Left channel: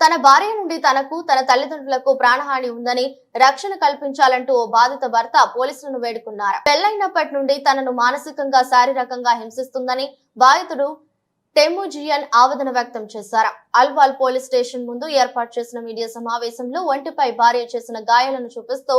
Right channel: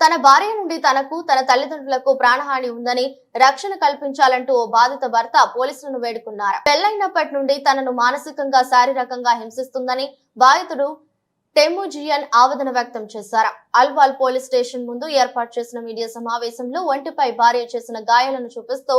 తన భార్య నుండి తనకు తన తల్లిదండ్రులకు ప్రాణహాని ఉందని రక్షణ కల్పించాలంటూ ఓ బాధిత భర్త పోలీసులను వేడుకున్నారు. పెళ్ళైనప్పటి నుండి తనను మానసికంగా శారీరకంగా హింసిస్తుందని బాధితుడు టెముజియన్ ఆవేదన వ్యక్తం చేశారు. అల్వాల్ పోలీస్ స్టేషన్ ముందు ఏర్పాటు చేసిన మీడియా సమావేశంలో ఒంటిపై భార్య చేసిన గాయాలను చూపిస్తూ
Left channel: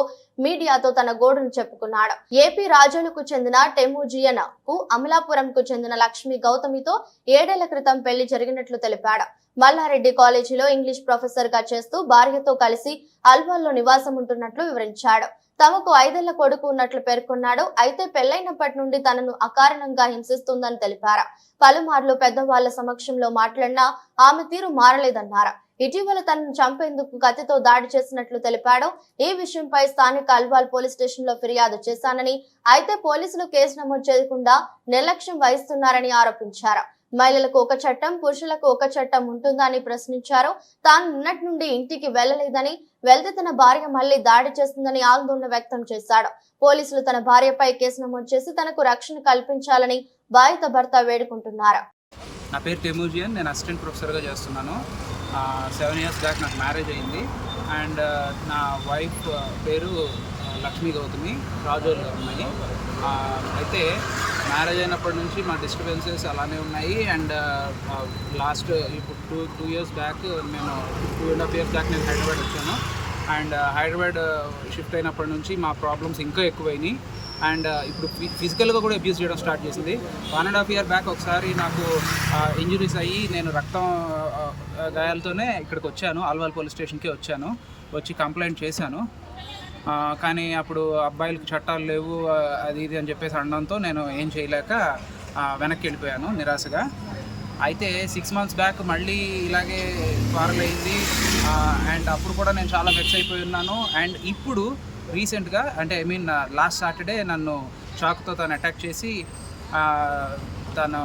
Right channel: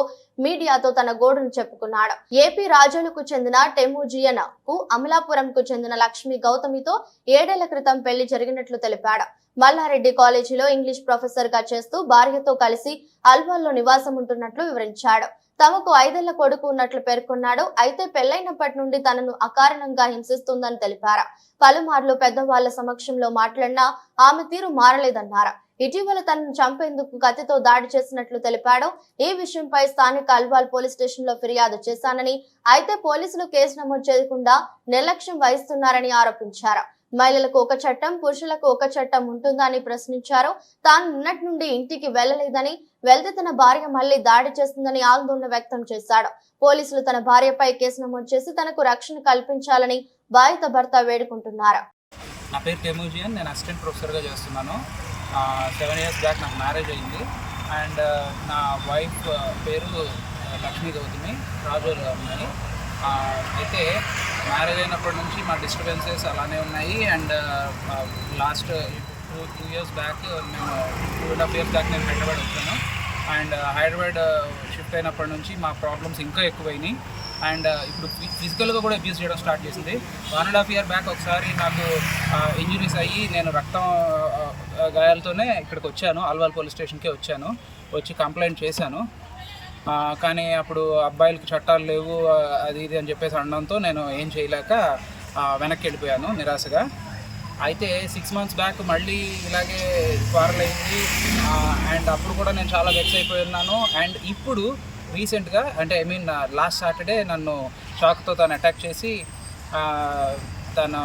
మీడియాతో తన గోడును చెప్పుకున్నాడు. ఏపీ రాజులకు చెందిన టెముజియన్కు అమలాపురంకు చెందిన లక్ష్మి గౌతమితో ఏడేళ్ళ క్రితం పెళ్ళి జరిగినట్లు తెలిపాడు. మల్లారెడ్డి కాలేజీలో ఇంగ్లీష్ ప్రొఫెసర్గా చేస్తూ భార్యతో కలిసి అల్వాల్లో నివాసం ఉంటున్నట్లు వివరించాడు. తమకు ఐదేళ్ళ కొడుకు ఉన్నట్లు పేర్కొన్నాడు. అయితే పెళ్ళైనప్పటి నుండి తనను అకారణంగా హింసిస్తుందని తెలిపారు. పలుమార్లు పెద్దవాళ్ళ సమక్షంలో మాట్లాడినా ఆమె తీరు మారలేదన్నారు. ఇటీవల తనను చంపేందుకు కత్తితో దాడి చేసినట్లు తెలిపాడు. ఈ విషయంపై స్థానిక అల్వాల్ పోలీస్ స్టేషన్లో ఫిర్యాదు చేశానని అయితే పోలీసులు కేసు నమోదు చేయకుండా నిర్లక్ష్యం వహిస్తున్నారని ఆరోపించారు. మహిళలకు ఒక చట్టం పురుషులకు ఒక చట్టం ఉంటుందా అని ప్రశ్నించారు. తాను నిన్నటి నుండి ఇంటికి వెళ్ళలేదని వెళ్తే తన భార్య మళ్ళీ దాడి చేస్తుందని ఆందోళన వ్యక్తం చేశాడు. పోలీసులు తన భార్యపై కేసు నమోదు చేసి తనకు రక్షణ కల్పించాలని బాధిత భర్త వేడుకుంటున్నారు. నా పేరు టెమూజియన్ నేను అసిస్టెంట్ ప్రొఫెసర్గా చేస్తున్నాను. సెవెన్ ఇయర్స్ బ్యాక్ నాకు మ్యారేజ్ అయింది. అండ్ నా వైఫ్ పేరు లక్ష్మీ గౌతమి రాజోల్ అమ్మాయి. అయితే మ్యారేజ్ అయినప్పటి నుంచి మా డిస్టర్బెన్సెస్ అలానే ఉన్నాయి. అండ్ లాస్ట్ ఇప్పుడు టూ టూ ఇయర్స్ బ్యాక్ మేము two and half years back నేను హైదరాబాద్ వచ్చాను. అండ్ హైదరాబాద్ షిఫ్ట్ అయినప్పటి నుంచి మా ప్రాబ్లమ్స్ ఇంకా ఎక్కువైనాయి. అండ్ ఇప్పుడు ఫిజికల్గా కూడా అబ్యూస్ చేయడం స్టార్ట్ చేసింది. One and half year back ఒకసారి నాకు ఇంజురీస్ అయ్యి నేను రక్తం గాయాలతోనే ఇక్కడికి వచ్చాను. అల్వాల్ పోలీస్ స్టేషన్కే వచ్చాను. వచ్చి కంప్లైంట్ చేశాను. కానీ అప్పుడు అబ్బాయిలకు చట్టాలు లేవు అది ఇది అని చెప్పేసి అనడంతో నేను ఏం చేయలేక వెనక్కి వెళ్ళిపోయాను నిరాశగా. అయితే సిక్స్ మంత్స్ బ్యాక్ మళ్ళీ ఇలాగే క్వారల్ అయింది. అండ్ అప్పుడు కూడా నేను చాలా వెక్స్ అయిపోయి ఉన్నాను. అండ్ ఇప్పుడు రీసెంట్గా అంటే ఐ మీన్ లాస్ట్ సాటర్డే నన్ను షాక్తో తను అటాక్ చేసి తన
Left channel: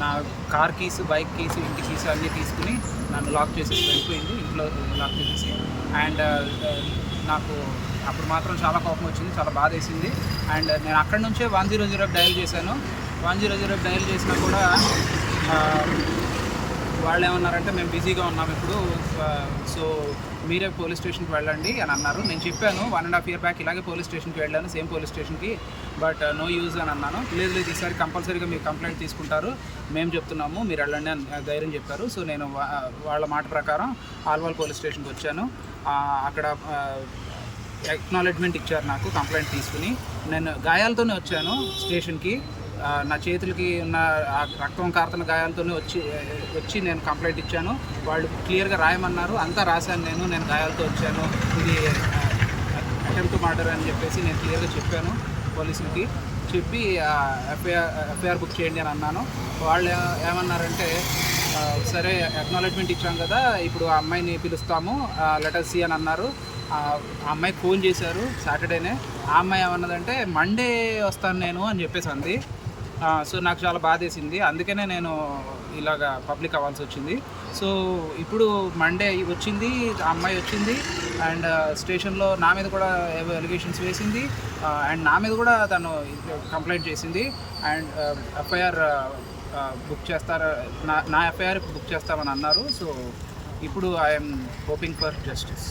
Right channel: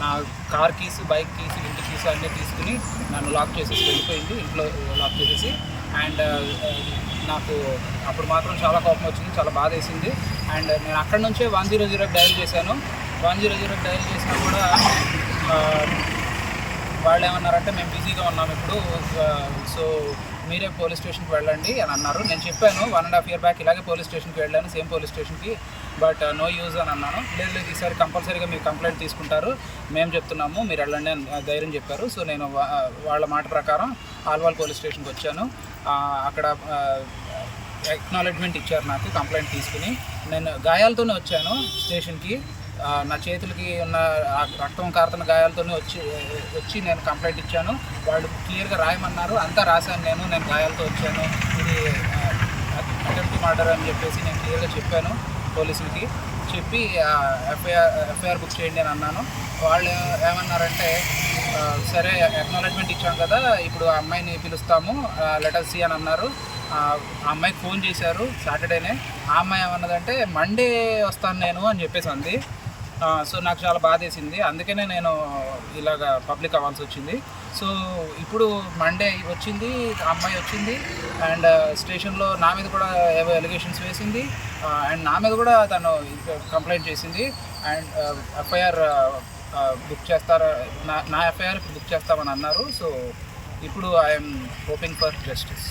నా కార్ కీస్ బైక్ కీస్ ఇంటి కీస్ అన్నీ తీసుకుని నన్ను లాక్ చేసేసి వెళ్ళిపోయింది. ఇంట్లో నాకు తెలిసి అండ్ నాకు అప్పుడు మాత్రం చాలా కోపం వచ్చింది చాలా బాధ వేసింది. అండ్ నేను అక్కడి నుంచే వన్ జీరో జీరోకి డయల్ చేశాను. వన్ జీరో జీరోకి డయల్ చేసినా కూడా వాళ్ళు ఏమన్నారంటే మేము బిజీగా ఉన్నాం ఇప్పుడు సో మీరే పోలీస్ స్టేషన్కి వెళ్ళండి అని అన్నారు. నేను చెప్పాను one and half year back ఇలాగే పోలీస్ స్టేషన్కి వెళ్ళాను సేమ్ పోలీస్ స్టేషన్కి బట్ నో యూజ్ అని అన్నాను. లేదు లేదు ఈసారి కంపల్సరీగా మీరు కంప్లైంట్ తీసుకుంటారు. మేము చెప్తున్నాము మీరు వెళ్ళండి అని ధైర్యం చెప్పారు. సో నేను వా- వాళ్ళ మాట ప్రకారం ఆల్వాల్ పోలీస్ స్టేషన్కి వచ్చాను. అక్కడ ఎక్నాలెడ్జ్మెంట్ ఇచ్చారు నాకు కంప్లైంట్ తీసుకుని. నేను గాయాలతోనే వచ్చాను స్టేషన్కి. నా చేతులకి ఉన్న రక్తం కారుతున్న గాయాలతోనే వచ్చి వచ్చి నేను కంప్లైంట్ ఇచ్చాను. వాళ్ళు క్లియర్గా రాయమన్నారు. అంతా రాశాను నేను. నేను గాయాలతో వచ్చాను. ఇది అటెంప్ట్ మర్డర్ అని చెప్పేసి నేను క్లియర్గా చెప్పాను పోలీసులకి. చెప్పి ఎఫ్ఐఆర్ ఎఫ్ఐఆర్ బుక్ చేయండి అని అన్నాను. వాళ్ళు ఏమన్నారంటే సరే అక్నాలెడ్జ్మెంట్ ఇచ్చాం కదా ఇప్పుడు ఆ అమ్మాయిని పిలుస్తాము లెటర్ సి అని అన్నారు. ఆ అమ్మాయికి ఫోన్ చేశారు సాటర్డేనే. ఆ అమ్మాయి ఏమన్నదంటే మండే వస్తాను నేను అని చెప్పేసి అంది. సో నాకు చాలా బాధ వేసింది. అందుకనే నేను ఇలాగ పబ్లిక్ అవ్వాల్సి వచ్చింది. సో ఇప్పుడు మండే వచ్చింది అమ్మాయి వచ్చింది అండ్ స్టేషన్లో నా మీద కూడా ఏవో ఎలిగేషన్స్ వేసింది. అండ్ నా మీద కూడా తను కంప్లైంట్ చేసింది. అండ్ ఎఫ్ఐఆర్ బుక్ చేస్తారా నా నా ఎఫ్ఐఆర్ బుక్ చేస్తామని అన్నారు. సో ఇప్పుడు I'm hoping for justice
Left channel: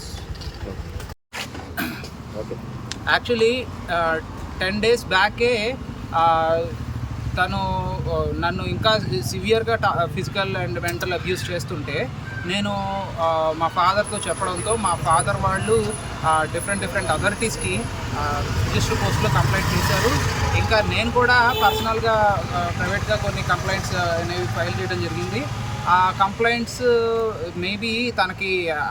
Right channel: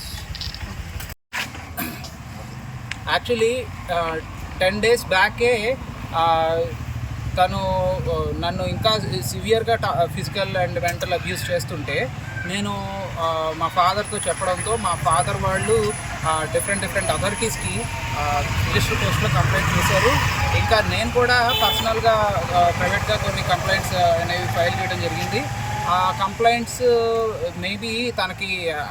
actually ten days బ్యాకే తను నన్ను ఇంకా సివియర్గా ఫిజికల్ అండ్ మెంటల్ అబ్యూస్ చేస్తుంటే నేను మా ఫాదర్తో చెప్పడంతో మా ఫాదర్ వాళ్ళు డిఫరెంట్ డిఫరెంట్ అథారిటీస్కి రిజిస్టర్ పోస్ట్లో కంప్లైంట్ చేశారు. ఇంకా నేను కూడా పర్సనల్గా ప్రైవేట్గా కొన్ని కంప్లైంట్స్ అనేవి ఫైల్ చేయడం జరిగింది. ఆ కంప్లైంట్స్ మేబీ తనకి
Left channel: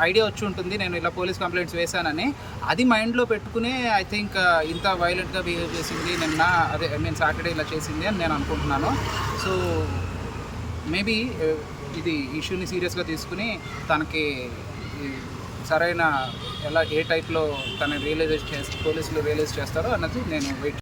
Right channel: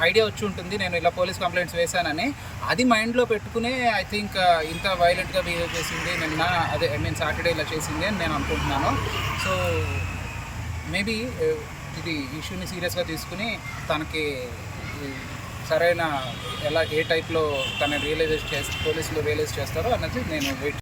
ఐడియా వచ్చి ఉంటుంది నేను ఇలా పోలీస్ కంప్లైంట్స్ వేశానని. అది మైండ్లో పెట్టుకునే ఐ థింక్ ఇంత వైలెంట్గా బిహేవ్ చేసింది నిన్న అదే ఐ మీన్ సాటర్డే ఇలా చేసింది అని నేను అనుకుంటున్నాను. సో మేబీ ఇది ఇష్యూని సీరియస్గా తీసుకుని తనకి సరైన ఎలా ఏ టైప్లో తన రియలైజ్ చేసి పోలీసులు రియలైజ్ చేస్తారో అన్నది నేను వెయిట్